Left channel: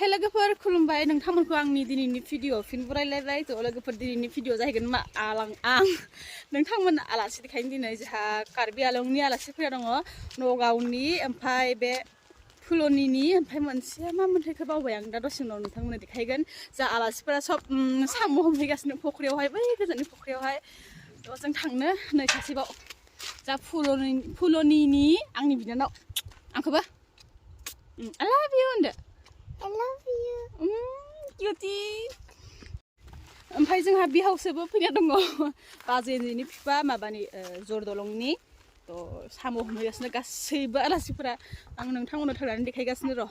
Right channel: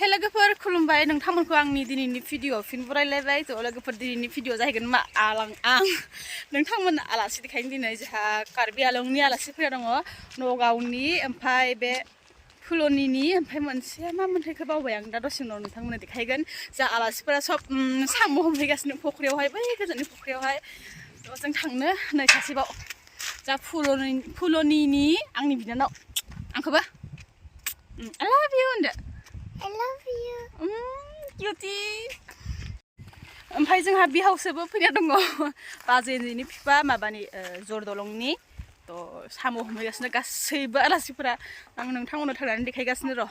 हे लोगोफोर खुलुमबाय नोंथांमोनखौ आंनि दिनैनि भिडिअ फिन बरायलायबाय थ' लोगोफोर दिनैनि भिडिअ जाहैगोन मा आं नोंथांमोन आलासि देखायनो दिनै जोंहा कार्बि आलंनि आलासि फैना दङ नगावनि ओमफ्राय बे फुलनिनि ओमफ्राय मोनसे मा मोनथायखौ बावबाय आं दा दसे उनाव नोंथांमोननो देखायगोन जा आलासिफोरा सब साम' हमहैगासिनो फख्रियावहाय बै गोजाननि फख्रियावहाय थ' जों थांनो नै सासेबाव जा फुलनिनि आंनि बिनानाव आंखौबो I love you होनदो I love you. Cutie. ओमफ्राय जोंहा बिहावसोबो फैना दङ बाजैनि बिफा माबानि जरदलंनि थ' साम' हमहैगासिनो गासैबो आलासिफोरा आं नोंथांमोननो थांनानै देखायगासिनो र'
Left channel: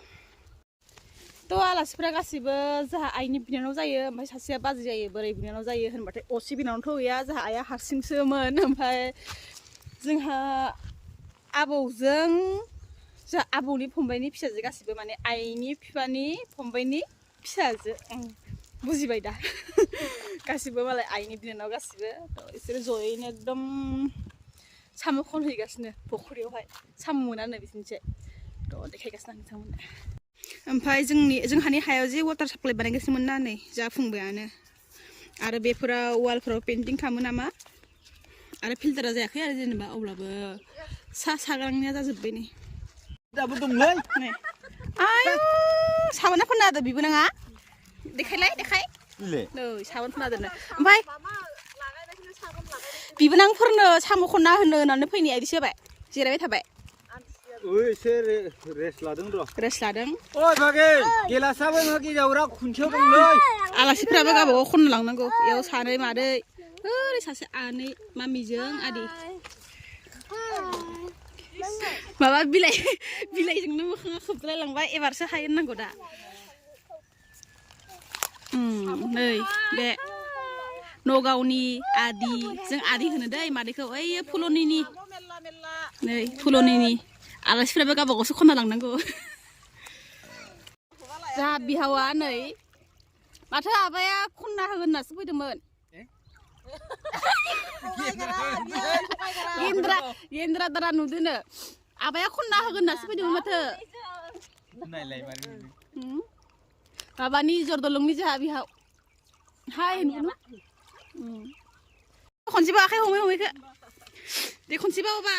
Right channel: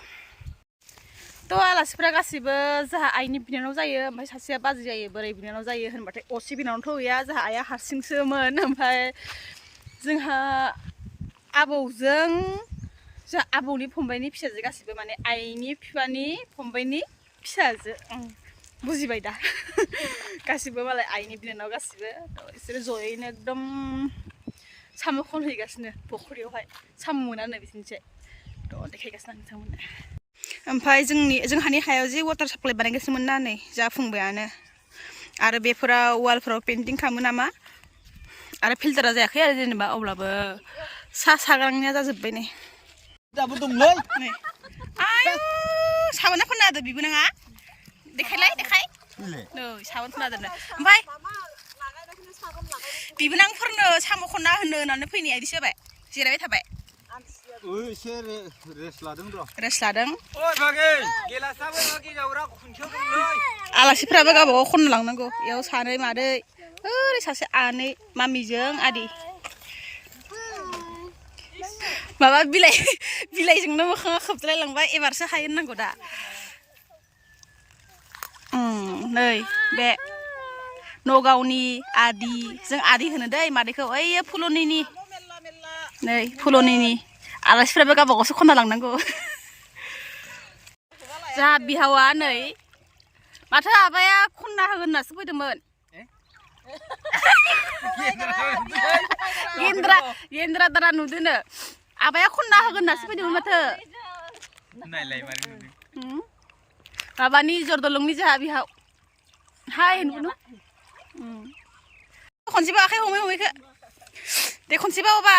थ' आलासिफोरा गासैबो जोंहा आइनि बिनानाव जायो ओमफ्राय सासेया बाजै जायो बोराइ बिनानाव जायो होनबाथाय असे बिनानावथ' गैया जोंहा आइया हारसिंसोमोन ओमफ्राय जोंहा आबौजों जोंहा आबौनि फंबायनि फिसाजो गासिबो माने आइनि बिफानि फंबायनि फिसाजो बुजिबाय दा गासिबो मालाय आइनि बिनानाव गासिबो थ' बिसोरो जयैनो एकदम साम' खनहैगासिनो फख्रियावहाय साम' मोनानो बिदिनोसै थ' देखायगासिनो आं नोंथांमोननो ओमफ्राय जोंहानि हायाव जे वाटार साप्लाइ बानायगासिनोमोन ना नै जाफुंबायानो आरो बेफोराव वालफोराव पेन्टिं खालामो नामा आरो फिल्टारा जायाखै आरो जेनेबा अब्लाबो साग्रांनिया जाजोब्बाय नै दाबो दंलै नै आयु साबोना फोनना होदो बिबो नङा देखायलाय देखाय नै साबोन फोनना दोनो ओमफ्राय बिबोनांफोरनो साम' खनना होननानै फैनाया इदिसो जाबाय जिरायबाय थाबाय एसे रेस्ट लादों र' रेस्ट लादों ओइ बागै गेलासाबो गेजावरा खुन्थियाव दंलै आलासिफ्राबो गावबागाव खननो लांनांगौ बेयाव सानै मादै ओरै सासे आनै मामिजों आदै माबा बिलाइजोंनो मोखाङा खोबद्राय लांबाय एबारसो हायो नांगौ दा नै बे नगावनि आदि जों आदि होनो दै मादैखौ ओइ फुलनिनि नै फुलनिनि आलासिफ्राबो गावबागावसो खनना लांनांगौ जोंहा बिहावा नै माथो आबाया खनना होगोन होननासो फैदोंमोन गेन्द्रा दारा नुदोनो आबाया खनना होगोन होननासो फैदोंमोन माथो माबानि जरदलंनि जोंहा बिहाव हाय नुनो खनसेबा आखाइ हमै हमैखो दे खनसेबा अबा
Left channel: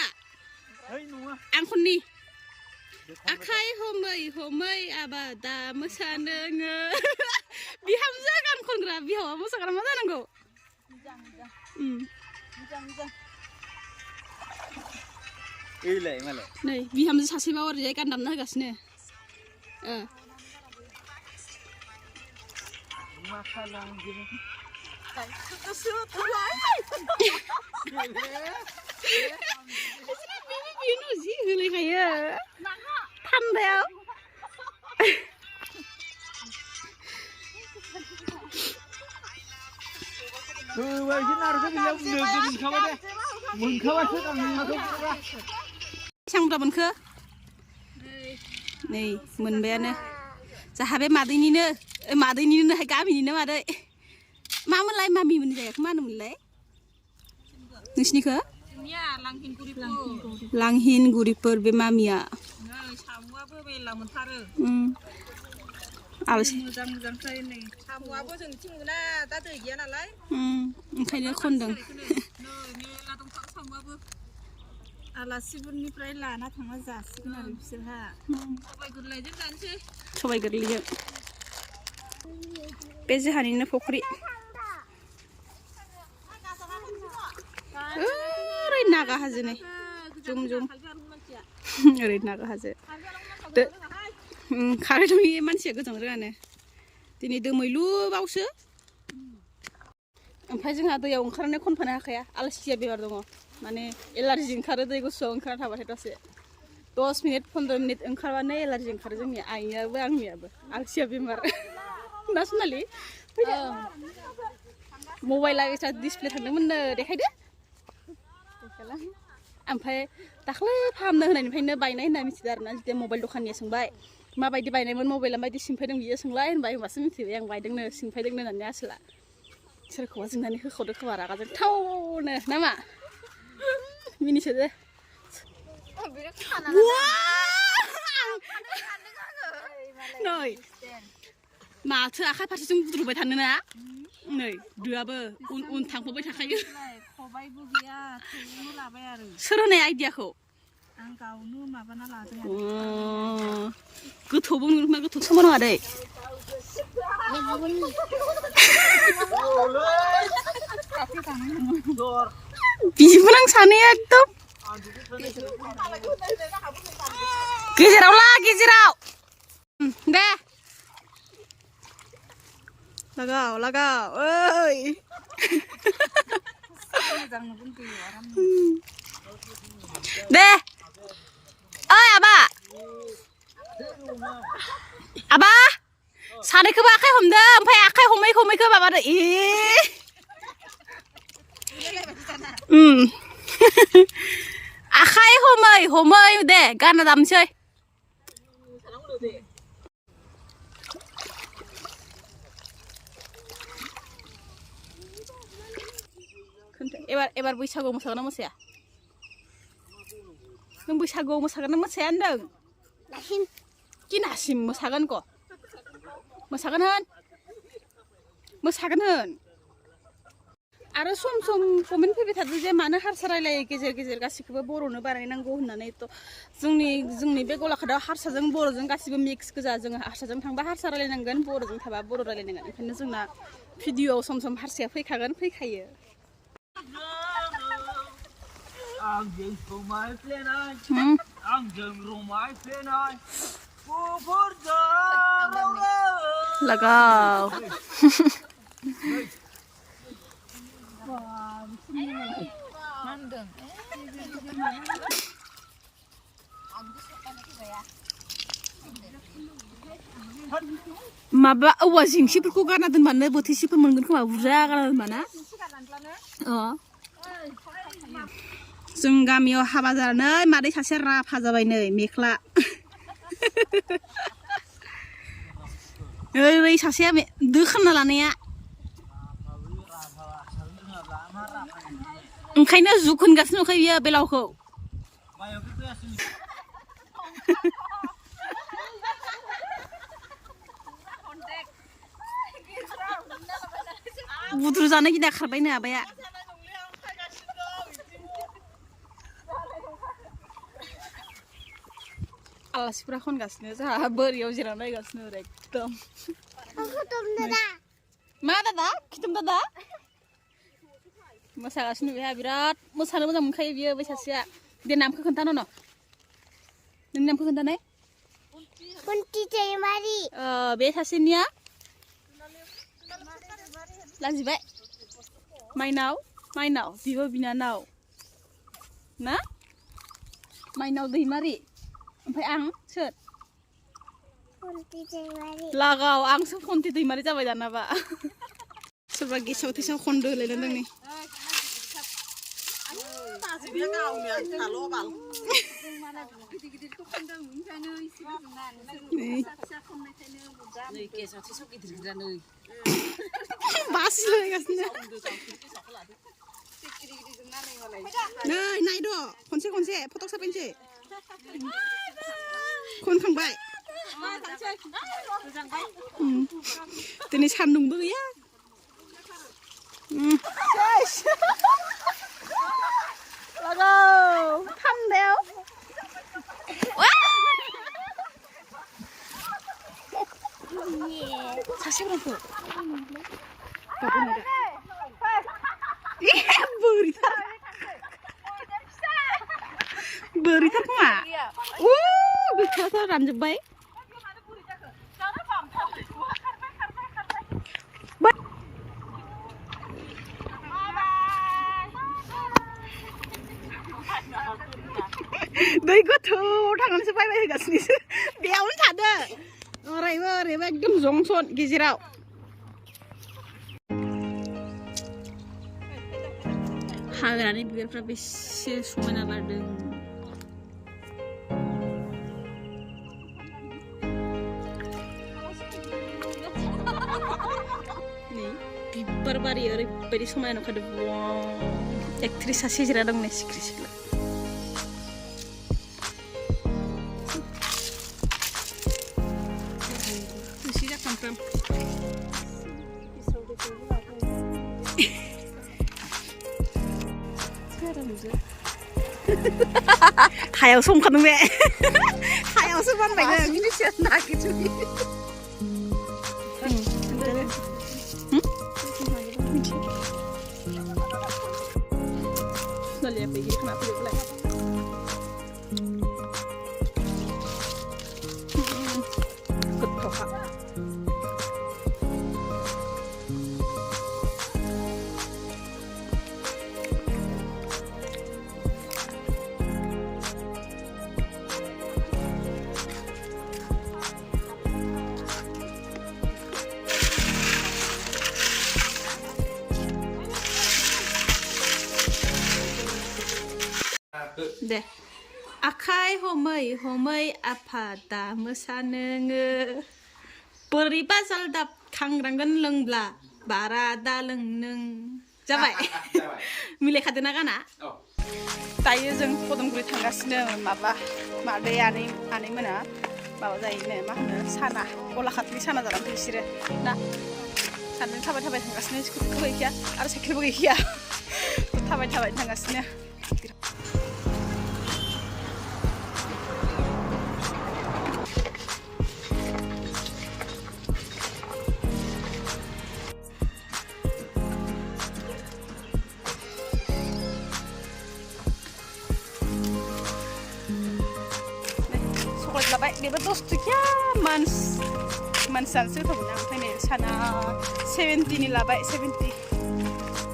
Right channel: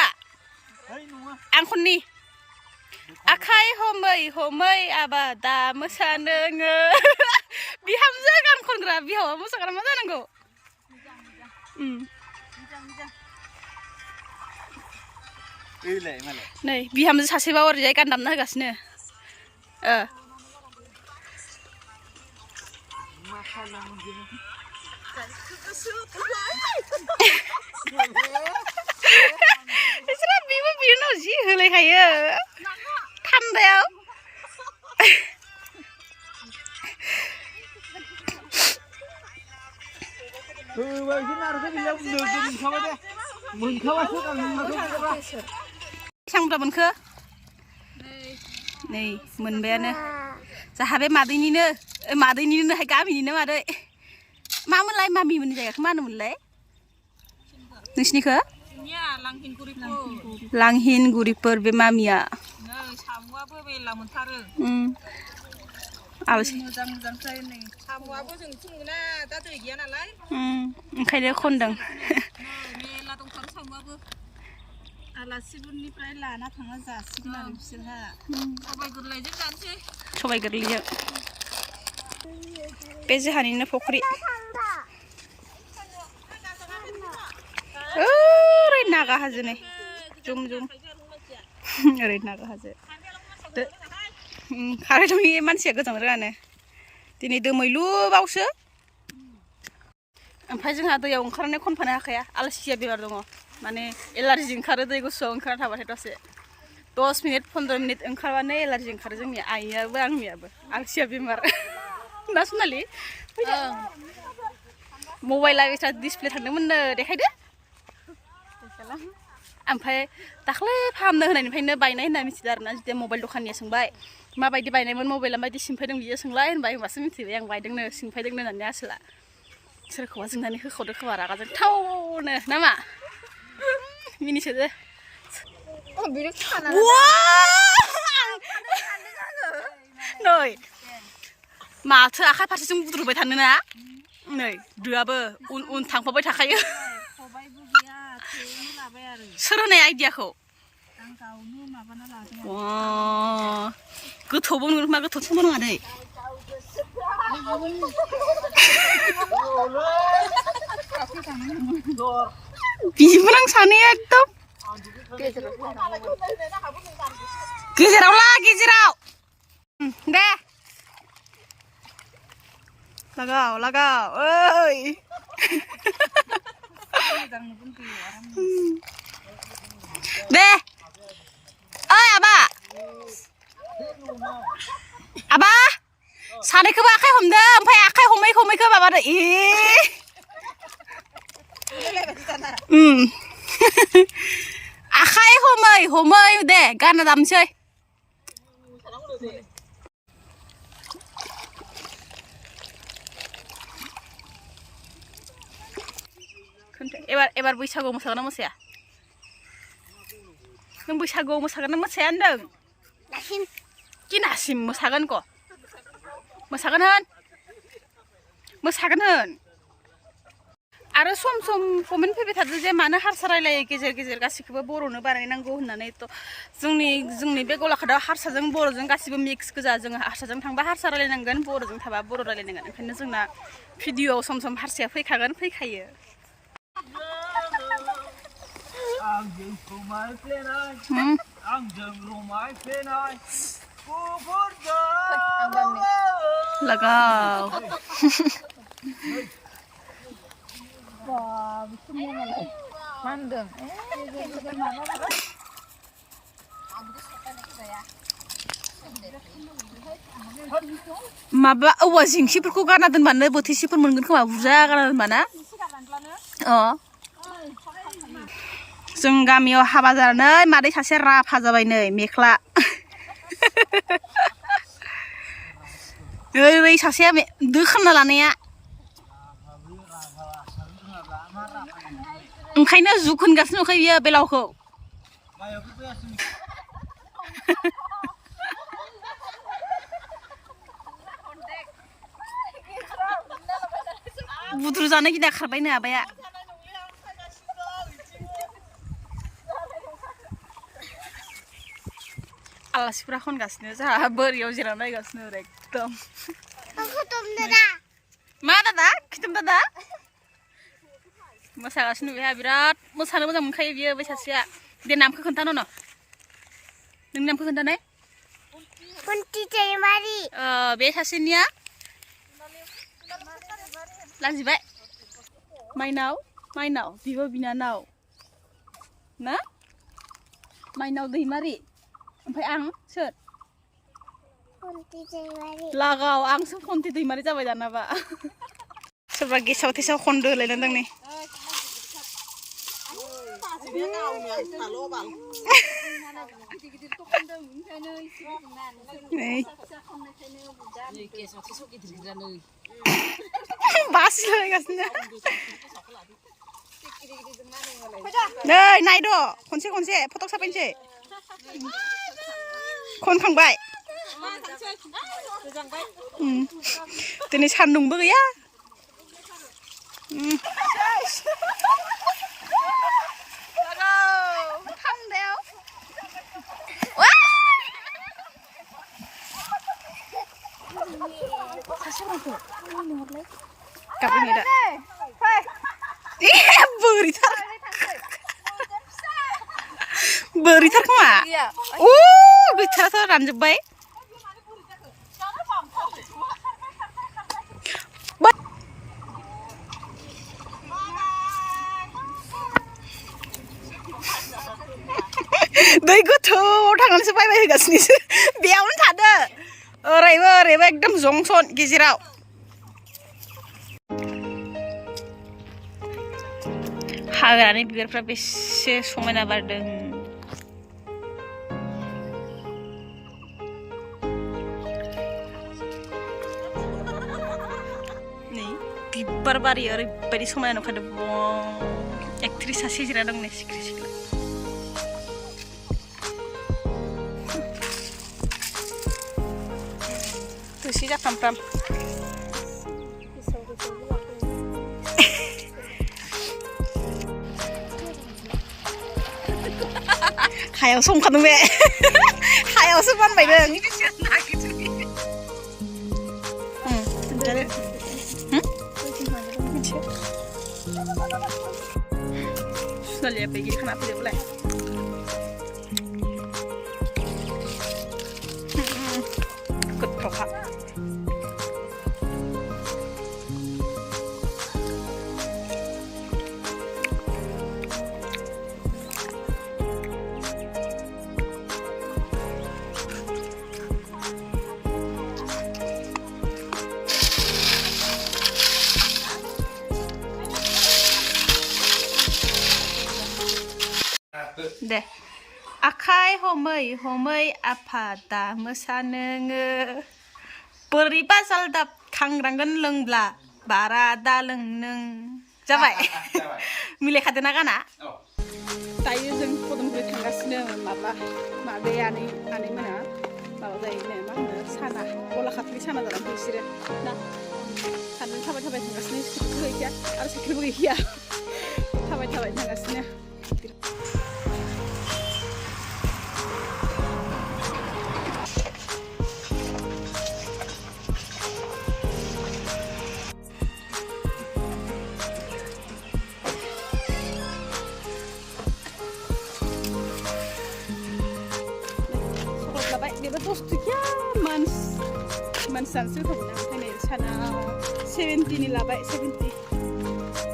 आं खननि आखाइ हमै हमै आबा दा मोसानो बिहामजो गान खनग्रा बिहावा मोसाग्रा मा जानांगौ नै बिहामजो सासेबा ओरैजाय गान दामना होगासिनो बिसोरो बिबो बिनाव जि होलायखायो थान्दायाव बेसेबां बुरजा मोनखो नै मोनबायानो जाहा बे मादैनिनोहाय गामिनिनो मादै मामोनलाय मामिमोननि जायगाखौ मा होनोमोनलाय नोंसिनिखौ लांहिनगुरिफोर बे मामिया साम'आबो मेला मोनथारो आलासि मोजां नै साम'आबो जोंथिं मोना दा दै गैया नालाय ओंखायनो खनदों मेला दंथारो साम'आबो आलासिफोरनिफ्राय लाना थांना जासिगोन आरो बिसोरहा सबाय गोरलैजों जानोसै सबाय गोरलैजों बे जोंहानिनो फख्रि ओरै नागा हाजो नै जुम ओरै नागा हाजो खारैदंनि मानसिया गोजां रोङानो दिनै दोमैलु बावसो ओमफ्राय जोंहा दैयाव ओंखारनानै खनफानो हाखाया आलासिया बेमार दङ माने एलार्जि ओंखारो दै गुसुआव ओंखारना थाबाथाय दसे 10 मिनिट 15 मिनिट ओंखारबानो एलार्जि ओंखारो जोंनि आइयाबो आंनियाबो आलासिया बेमार ना सनालि मबाइला बेसा डिसप्ले थांदोंमोननो देखायदो ओमफ्राय दाख्लै फाहामनो होनायनिफ्रायनो बायनाय होनना मिथिदों आरोना जुदि मबाइल दखानिया सोंबाय माबायदि बायनायमोन मबाइला माबायदि सिमफायदों बियो सोंलाय होनबाय होनबासो मिथिबाय आं बायदोंनो सिमफायदोंनो होननानै आसोला सोरखौबा जोंनानै होखावदो खोमा रागाजों थावनो नामा मिनिसोदो नै माथो आखाइ फारसेजों बुद्रुबाय थानो ना नै दोआबो उन उन थांफाबाय थाखायो खबाइबो गैया थेवनो लाबाय आरो सोर होनाय आइडियाखौ आं गावनो माबाना लादों गोथौबो नङा मा गोथौसो नङा दै बिदिमोन आं सानैया एकदम गेजेराव ला गेजेराव दे लागाव लागाव ओइ दे ओइ आबा आबा सानैखौबो आखाइ हमदो ओमफ्राय आखाइ हमै हमैखौ माबादो आखाइ हमै हमै दे गाना दामसै एबार बैसागुआव मोसागोन ना मोसाया नों बैसागुआव मोसागोन ना मोसाया होनदों किनासिम मोसागोन क मोसागोन होन आरो सम सम कमेन्ट फैबाय थादो जे मानो हारसा रायलायो गेजेर गेजेर गासिखौबो बर'नो बानायनांगौ होननानै थ' जोंनि बे गलाघाटआव हारसाजों बर'जों गासिबो मिक्स गोजा जोङो हारसाजों थांबा हारसा रायलायनांगोन बर'जों थाबा बर' रायलायनांगोन ओंखायनो जोंना भिडिअआव सम सम हारसाया फैखायो आंजों समाय फ्लेनाय आंजों रमाय फ्लेनाय लगाव माबा औवा जिंसिफोरखौ गारना दोनबानो बोथिसेफोर मोनगोन खोमा बुरजा गारना दोनबाना जों गामियाव हाबा जानानै मादै सासे राफा जाबाय नै मेख्ला ओरै सासेया दो खालामना लानाया ओंखायनो जुग होनगासिनो दंखायो बियो बेलावखौ बुद्रु जानो गिना खारबायनो आबाया आलासिफोरा खनगासिनो जोंहा बोरियाव जिरायना नायगासिनो एकदम मा दादा खिथम दादा मोसागासिनो बेहा बिराद मोसानो मोजां मोनखायो बियो बै सासेया दे नामखौ खोन्थानो न' नोंनि नामखौ खोन्थानाय बे सासेनिया लाजिबाय माइनाव बिब' बिनानाव ना माइनाव दैमारि ओमफ्राय आं सोर लागाव आंसो फन्थि दैमारि जाबाय दानाबा सोरबा गेसाव थेसाव खन्दो होलायनांदों नै बासिलायगासिनो नै नायद' खनसे फटक साफायनोसै खनखांबाय दिनै सान्दुंबो गैया सासे orang गाबोन दा बोरैथार खोमा गैथाराथ' रानजोब्बाय दै गोथौआव थांनानैसो बायबाय होगासिनोसो बेयावनो थादो ओरैबो एकदम जंसन गेजेराव हाग्रानि बिबारफ्रा बेसे समायना बारदों नै बिबार बारि ओरैबायदि समायना नुखादों एक्ट्रिस सासे जिरायना दं नै सिख्रि सिख्ला थोरसि जाफ्रामफ्राम हायाव संखादों बे हायावसो बानबायदों सुनालिया बैगिरि खाना फैदोंलाय गोथावखा दे आखाइ हमै हमै आफादा मोसानोङो बोरैबा जालदाब खांग्रांगोन लोंब्ला बारा दा लों नों जाबाय मिलायखादों ना गाना दायो जों पदमगुरि थांगासिनो माबा मादै आनैमोना माबा जायोनो मा होनो साना गलाखाथलि साना जालांथों बिसोरो ना सानजों थाबाय थाबाय थांगासिनो स्कुटिबो गैखाया आरो साइकेलबो गैखाया थाबाय थाबाय थांगासिनो labai dia betul ya mansan sih kamu nang ini sana 70 ni labai 70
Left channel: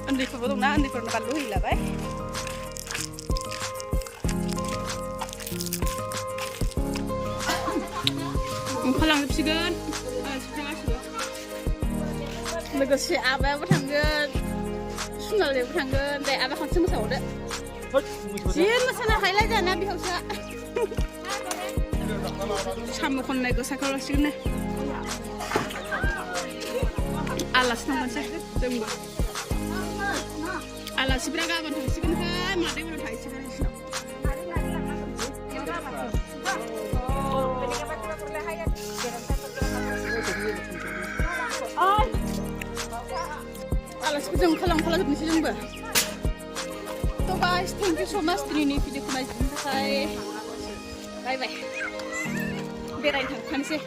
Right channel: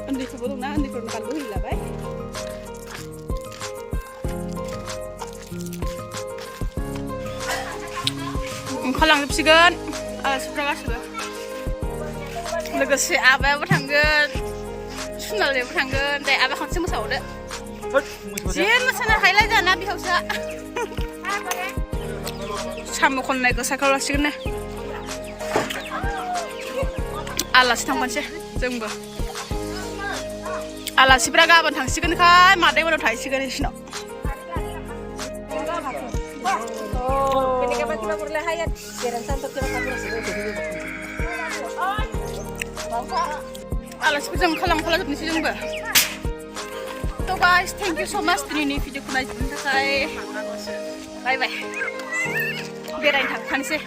andi ko bodong na andi ko nakaluhi labai khalang dipsigan seberapa sudah logosi abah bertanggan sunal dia bertanggan deh abah kan semua saudara jen sana highlight jana bihausa साम' खननायखौ cycle लासिगोन ने आलासि थांफानोसै जोंबो आलासिफ्रा गाबोन थांसिगोनखाय मादै मोनाव थाहैसिगोन बिसिनाव आलासिफोरजों खालामजोबनोसै जोंबो थ' गाइस थेंक इउ स' माच दिनैनि भिडिअखौ नायजोबनो थाखाय बाय बाय बेरायनो थांफानोसै